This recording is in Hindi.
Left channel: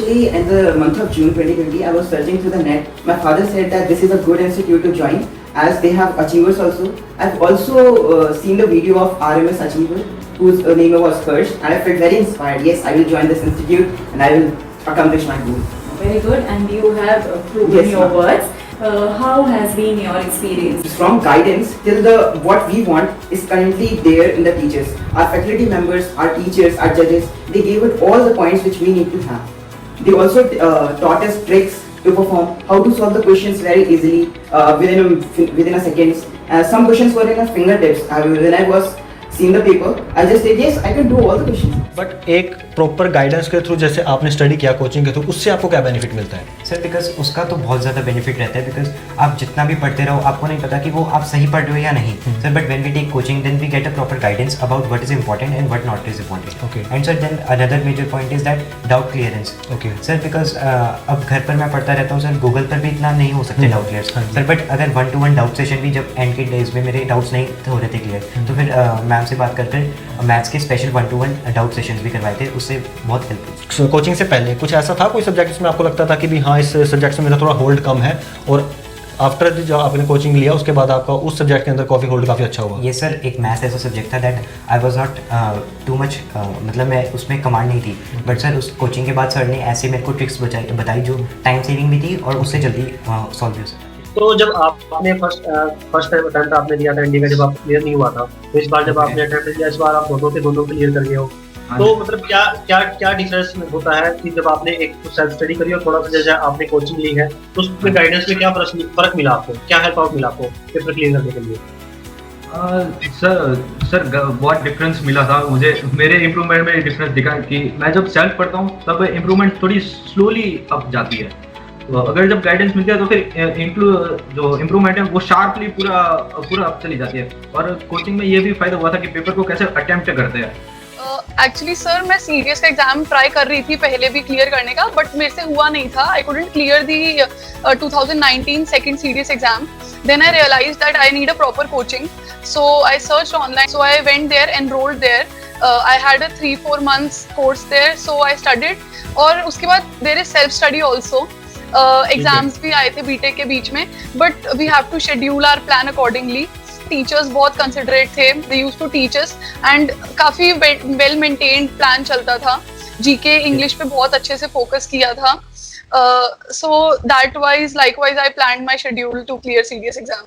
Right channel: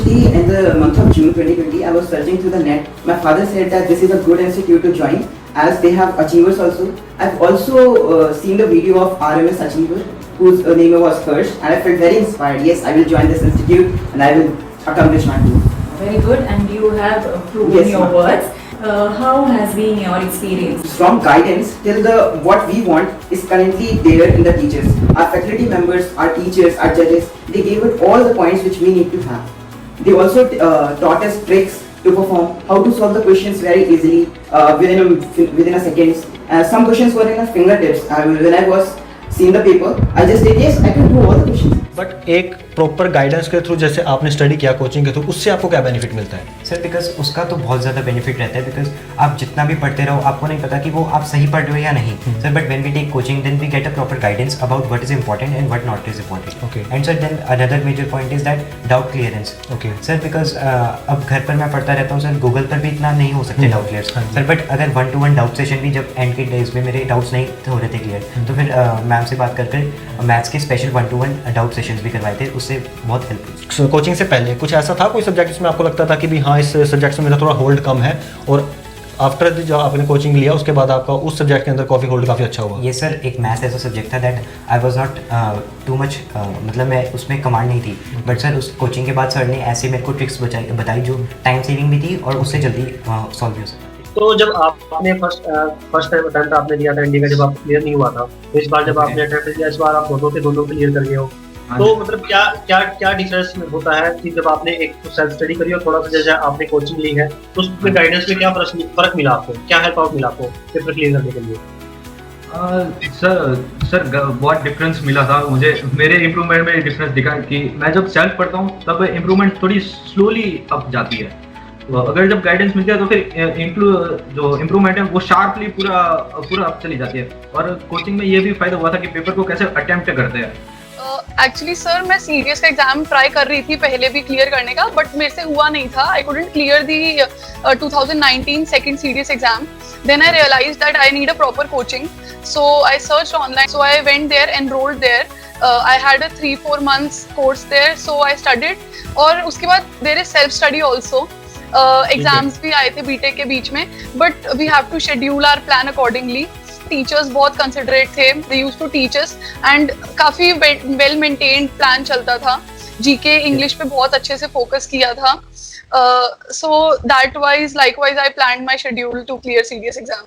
Actually, in the month of June 2020, I was searching through the net. My father said that this is a good institute to join as they have achievers also. I've also seen the video of RMS achiever whose name was Kirsch, and I felt very inspired. Yes, I will join this institute and I will accomplish my goal. Very good, and you have proven Yes, your ma'am. words. How has been your experience? From guidance till the what we want is currently there in the teachers. Our faculty members, our teachers, our judges, they gave us all the points which we need to have. They also taught us tricks to perform, how to solve the questions very easily within a seconds. Some questions were in our fingertips. When I was seeing the paper, I just said yes, I can do all the questions. But एक प्रॉपर गाइडेंस के थ्रू जैसे आपने स्टडी किया कोचिंग के थ्रू, उससे आपको क्या बेनिफिट मिलता है? सर बिकॉज उसका तो बहुत ज़्यादा बेनिफिट रहता है, बिकॉज आप जितना भी पढ़ते रहो आपको नहीं पता कि वो आप सही पढ़ रहे हो या नहीं sir, but when we take coaching then we get a proper guidance about what is important and what not is important. Okay. And sir then another major point is that doubt clearance. Okay sir, because अब घर पर मैं पढ़ता रहता हूँ सर, गूगल पर भी इतना नहीं हो सकते डाउट क्लियर सर, बट अगर 1-to-1 डाउट सेशन भी जब एंड के डेज में मेरे डाउट्स नहीं हो रहे थे क्लियर, तो फिर मैम से बात कर मैथ्स के स्पेशल 1-to-1 डाउट सेशन भी करवाए थे, उससे बहुत हेल्प. कोचिंग से पहले कुछ ऐसा था कोई सब्जेक्ट जिसमें आपको लगता था कि भी हाँ इस सब्जेक्ट में मेरा थोड़ा होल्ड कम है, और आफ्टर जो आपने कोचिंग लिया उसके बाद आपका उस सब्जेक्ट के अंदर कॉफी होल्ड काफ़ी अच्छा हुआ? ये सर एक मैथ्स ऐसा सब्जेक्ट था that I was not too much, मतलब मैं उसमें कमांड नहीं थी, बट सर उस कोचिंग के बाद सर ने ऐसे मेरे को ट्रिक्स बताई जो टाइम सेविंग भी थी और उससे जल्दी सॉल्व भी हो सकता. तो जब आपने फर्स्ट अटेम्प्ट आपने दिया था इंडिया का, जब आप क्लियर नहीं हुआ था, तो इस बार जब आपने अटेम्प्ट दिया, इस बार आप दोनों क्लियर कर गए हो, तो मतलब क्या डिफरेंस होता है कि जब आपने एक सेल्फ स्टडी करी और थोड़ा सा जैसे आपने कोचिंग ली है, तो उसमें गाइडेंस में क्या फर्क मिला आपको, क्या हेल्प आउट मिला आपको पेपर क्लियर करने के लिए? सर बहुत डिफरेंस मिला था मुझे. मेरे इम्प्रूवमेंट में डिफरेंस दिखा कि मैं जब सेल्फ पढ़ता हूँ तब इम्प्रूवमेंट थोड़ी स्लोली अप जाती है, तो अगर जब गाइडेंस मिलती है तो फिर जो इम्प्रूवमेंट है वो शार्पली पूरा अप चली जाती है. और कोचिंग में ये भी फायदा हुआ था कि पेपर को कैसे अटेम्प्ट करते हैं. एक्चुअली सर मैं सीडीएस का एग्जाम ट्राई कर रही थी पहले भी क्लियर करने का, बट मेरे से हुआ नहीं था. I couldn't clear the 2019 second CDS exam. Then I realize that I need a proper coaching, so I search online, so I went there, enrolled there. I had a 3-4 months course there, so I studied. और उसके बाद there is self study also. Exams भी आए थे बीटेक के बीच में, but we have to schedule our plan accordingly. Teachers बहुत कंसिडरेट थे, they used to teach us, and काफी वेल मेंटेन्ड प्लान चलता था. जीके इंग्लिश पे बहुत अच्छे से फोकस किया था. So that wise likewise I planned my schedule to clear CDS exam.